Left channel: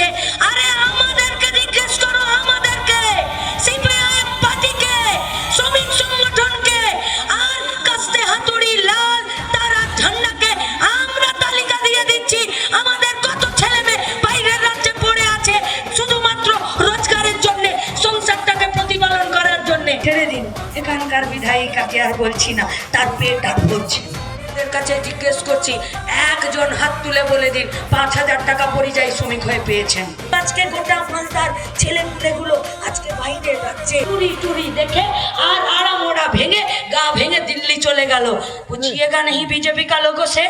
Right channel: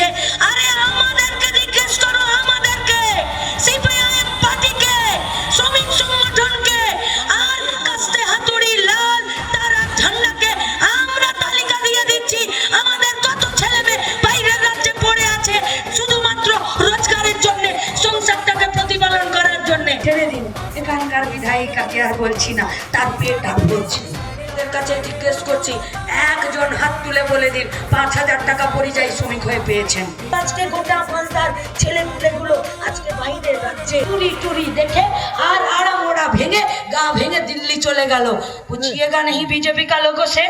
হয়েছে আরে আমাদেরকে জিজ্ঞেস করো আমাদেরকে সিপিআইএম পার্টিকে শ্রমিক সংগঠনকে আর কাস্তে হাতুড়ি লাল তারা ঝান্ডাকে আমরা তালিকা দিয়ে দিচ্ছি আমাদের কত ছেলে মেয়ে বাইরের রাজ্যে পড়ে আছে শুধুমাত্র রোজগারের জন্য সংসারটাকে প্রতিপালন করার জন্য। ছেড়ে দিন এখানকার বিধায়িকাকে আর বলছি না তার পেট আর বলছি কাছে জিজ্ঞেস করছি একজন হাত তুলে বলে দিন, পাঁচ হাজার টাকা পরিযায়ী শ্রমিক হয়ে পেয়েছেন। আজকে গোটা মালদার ছেলে গুলো আজকে বাইরে যাচ্ছে। টুরি টুরি দেখে আর আড়া মোড়া ভেঙে গা ভেঙে দিল্লি চলে গেল। বুঝিয়েগা নেই বিজেপি কা লোগো সে